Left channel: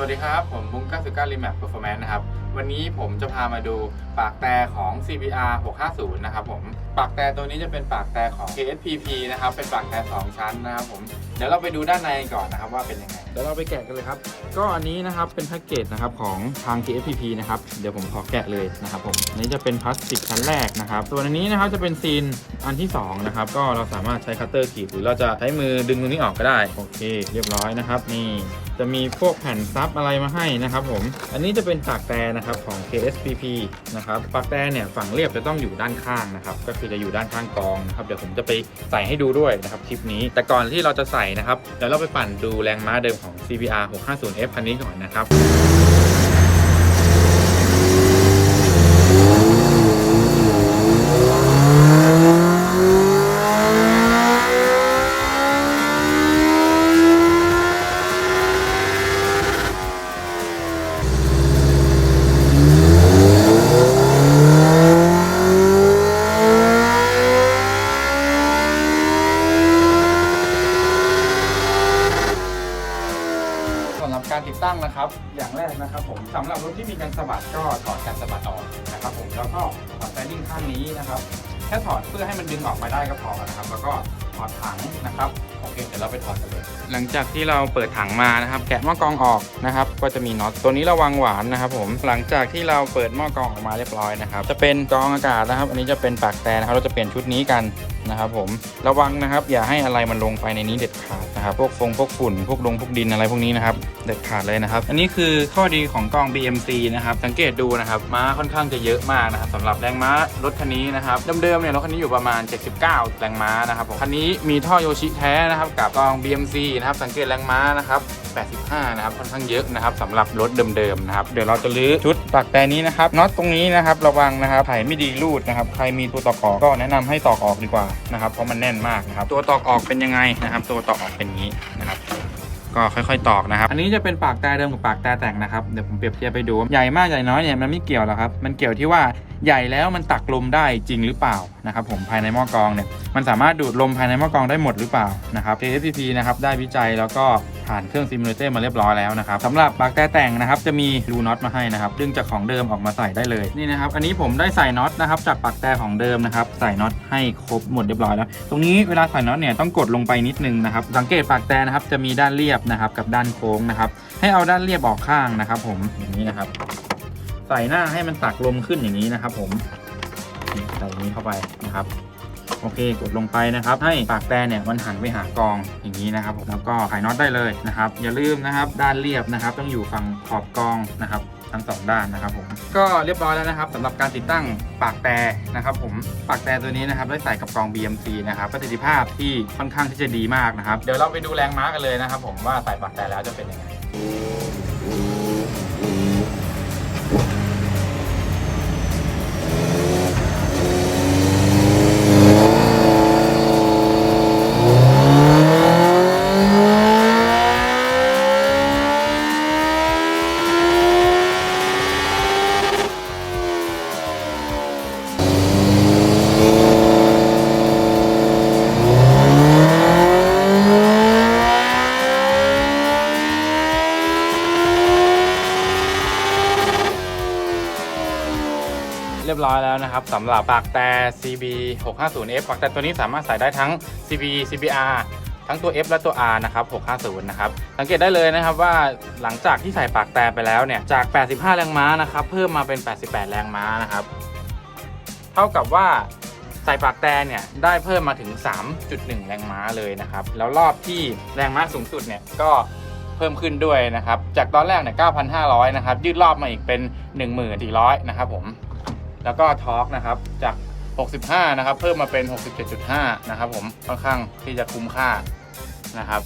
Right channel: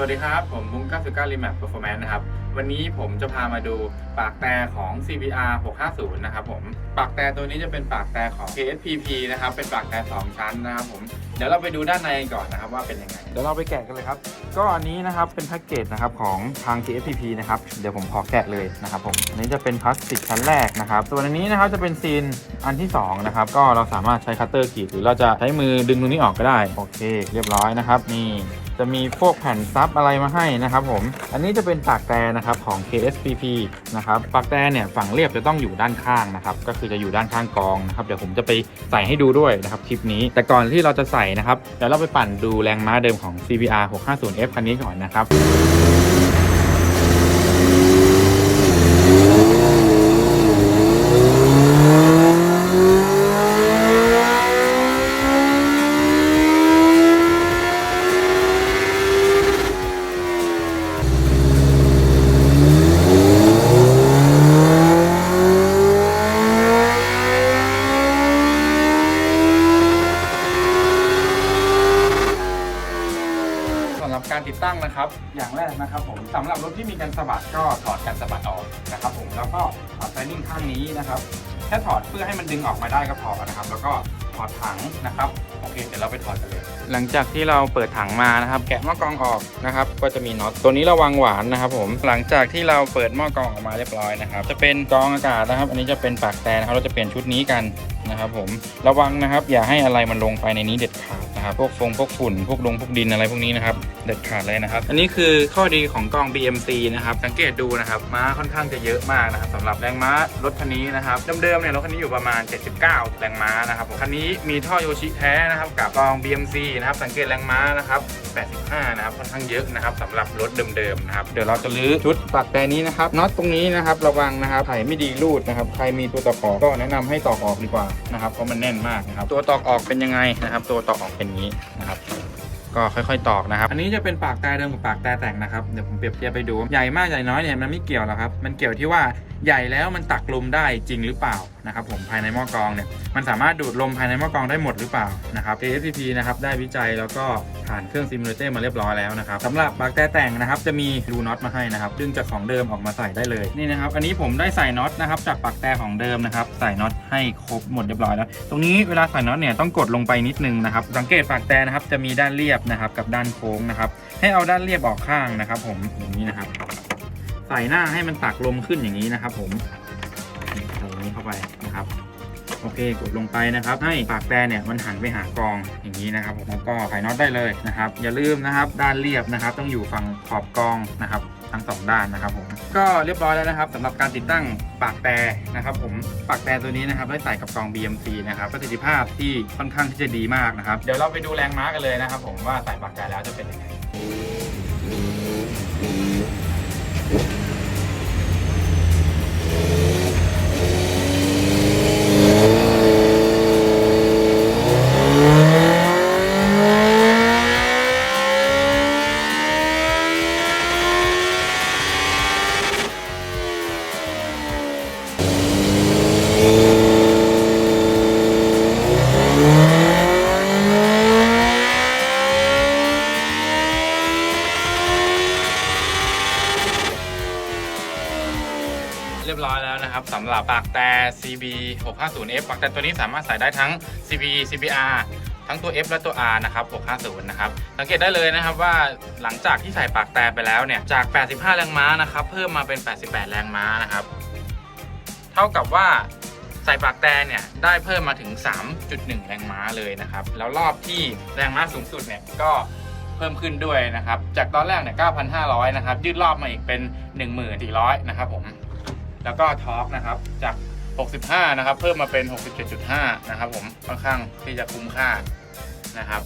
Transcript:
สวัสดีครับ ผมมุ้ง99 Remap Performance นะครับ วันนี้ผมจะพามาดูปากแต่ของ CBR 650 นะครับผม ปากแต่ตัวนี้จะเป็นปากแต่ของ KSPP นะครับ เป็นปากแต่ 2 ชั้นนะครับผม เดี๋ยวเราไปดูด้านในก่อนนะครับว่าเป็นยังไง เดี๋ยวเราไปแกะกันเลยครับ ก็อันนี้นะครับเป็นแพ็กเกจนะครับของทาง KFPP นะครับ เดี๋ยวผมขอแกะเลยนะครับผม อันนี้จะเป็นพลาสติกชั้นแรกนะครับ ส่วนอันนี้นะครับจะเป็นซีนอันที่สองนะครับ ก็เราสามารถใช้คัตเตอร์กรีดหรือเราจะใช้มือดึงตรงนี้ออกก็ได้ โอเค เรียบร้อยนะครับ นี่ จะมีพวกแผ่นซับอะไรมาให้นะครับผม อันนี้จะเป็นปากแต่นะครับของ KSPP นะครับปากแต่เนี่ยฝั่งเรียบจะต้องอยู่ด้านข้างนะครับก็คือจะอยู่ด้านข้างกองนะครับเดี๋ยวผมจะไปใส่ให้ดูด้วยนะครับคลิปนี้ แต่ก่อนที่เราจะใส่นะครับเดี๋ยวเราไปปั่นดูแรงม้าเดิมของ CBR 650F คันนี้ก่อนนะครับ ตั้งนะครับ อย่างแรกนะครับผมสำหรับรถที่มีการสะบัดก็ถอดการสะบัดออกนะครับผมแล้วก็ถอดไฟนิ่งข้างนี้นะครับแค่ถอดเพื่อให้มันดึงออกมาได้ก็พอนะครับ แล้วก็ถอดถังนะครับโอเคเดี๋ยวเราไปถอดกันเลย หลังจากที่เราเปิดถังมานะครับ แกะหม้อกรองออกนะครับ ก็จะมีน็อตตัวนี้ระวังหวานนะครับ ผมหลังจากที่เราเปิดหม้อกรองออกมาเรียบร้อยนะครับ จะเป็นกรองอากาศนะครับ อันนี้จะเป็นปากแต่นะครับเราจะเปลี่ยนชุดนี้กัน นะครับผมระวังนะครับ อย่าให้อะไรมันลงไปในนี้เด็ดขาดนะครับพวกฟงพวกฝุ่นพวกดงพวกดินอะไรพวกนี้นะครับเด็ดขาดเลยนะครับ อันนี้คือข้อดีของกล้อง BMC นะครับสังเกตดูนะครับม้าค่อนข้างจะเยอะมากนะครับสำหรับแรงม้ารถคันนี้นะครับเดิมๆเนี่ยรถคันนี้อยู่ประมาณ 79 แรงม้านะครับผมคันนี้มีท่อโยชิแท้นะครับกับกล้อง BMC นะครับสังเกตแรงม้านะครับ85 นะครับค่อนข้างเยอะนะครับสำหรับรถเดิมๆนะครับเดี๋ยวเราจะลื้อชุดปากแต่นี้นะครับน็อตตรงนี้นะครับระวังนะครับไถไม่ดีรูดนะครับใครมีตัวตอกออกก็แนะนำให้ตอกออกดีกว่านะครับเพราะมันแน่นมากนะครับตัวตอกออกเป็นยังไงนะครับ ตัวตอกออกเป็นงนี้นะครับก็ค่อยๆ ตอกนะครับ อันนี้จะเป็นปากแต่เดิมกับปากแต่แต่งนะครับ เดี๋ยวผมเปรียบเทียบไปดู ใหญ่มากใหญ่น้อยเนี่ยมันไม่เกี่ยวหรอกครับ มันเกี่ยวที่ว่าใหญ่แล้วมันตักลมได้จริงหรือเปล่านะครับผมภายในหม้อกรองเนี่ยมันสามารถดูดลมภายในหม้อกรองได้หมดหรือเปล่านะครับ KFPP นะครับได้วิจัยแล้วก็ผ่านเครื่องซิมูเลเตอร์มาเรียบร้อยแล้วนะครับสำหรับปากแต่แต่งนะครับจะมีรูน็อตมาให้นะครับดึงจากของเดิมออกมาใส่ได้เลยนี่นะครับอันนี้ผมได้ใส่น็อตนะครับจากปากแต่ของเดิมนะครับใส่น็อตให้ครบหมดเรียบร้อยแล้ว ตรงนี้เวลาใส่น็อตเนี่ยต้องกดลงไปนิดนึงนะครับสังเกตปากแต่นะครับจะมีด้านเรียบนะครับกับด้านโค้งนะครับให้เอาด้านเรียบออกข้างนะครับ ผมอย่างนี้นะครับ ใส่หน้าให้มันตักลมขึ้นอย่างนี้นะครับ ผมใส่อย่างนี้เข้าไปนะครับ โอเคกดลงไปนะครับ ให้ปากแต่เนี่ยมันหันไปหากองอย่างนี้นะครับแล้วก็ไขน็อตได้เลยนะครับ อย่าลืมนะครับ ด้านเรียบนะครับ ต้องอยู่ฝั่งขอบกองนะครับ ทั้งสองด้านนะครับผมก็เรียบร้อยแล้วนะครับสำหรับการติดตั้งปากแต่นะครับ ผมปากแต่ตัวนี้นะครับได้ใส่กับกอง BMC นะครับประสิทธิภาพที่ค่อนข้างที่จะดีมากนะครับ เดี๋ยวเราไปดูแรงม้ากันเลยนะครับ ผมว่าใส่ปากแต่แล้วจะเป็นยังไง เรียบร้อยแล้วนะครับสำหรับปากแต่ CB 650F ปากแต่ตัวนี้สามารถใส่ได้ทั้ง CB CBR ทั้งตัว F และตัว R นะครับ 650 นะครับ สังเกตได้เลยนะครับว่าหลังจากที่ใส่ปากแต่ไปแล้วเนี่ย จาก 85 แรงม้านะครับ เพิ่มมาเป็น 88 แรงม้านะครับ เท่ากับว่าใส่ปากแต่เนี่ย ได้เพิ่มมาถึง 3.1 แรงม้าเลยนะครับ แล้วรอบที่แรงม้าสูงสุดเนี่ย ก็เพิ่มขึ้นด้วยนะครับ จากตอนแรกเนี่ย 9,500 นะครับ ยืดรอบมาอีกเป็น 14,000นะครับผม แล้วก็ทอร์กนะครับจาก 65 นะครับ เพิ่มมาเป็น 67.5 นะครับผมค่อนข้างที่จะคุ้มค่านะครับ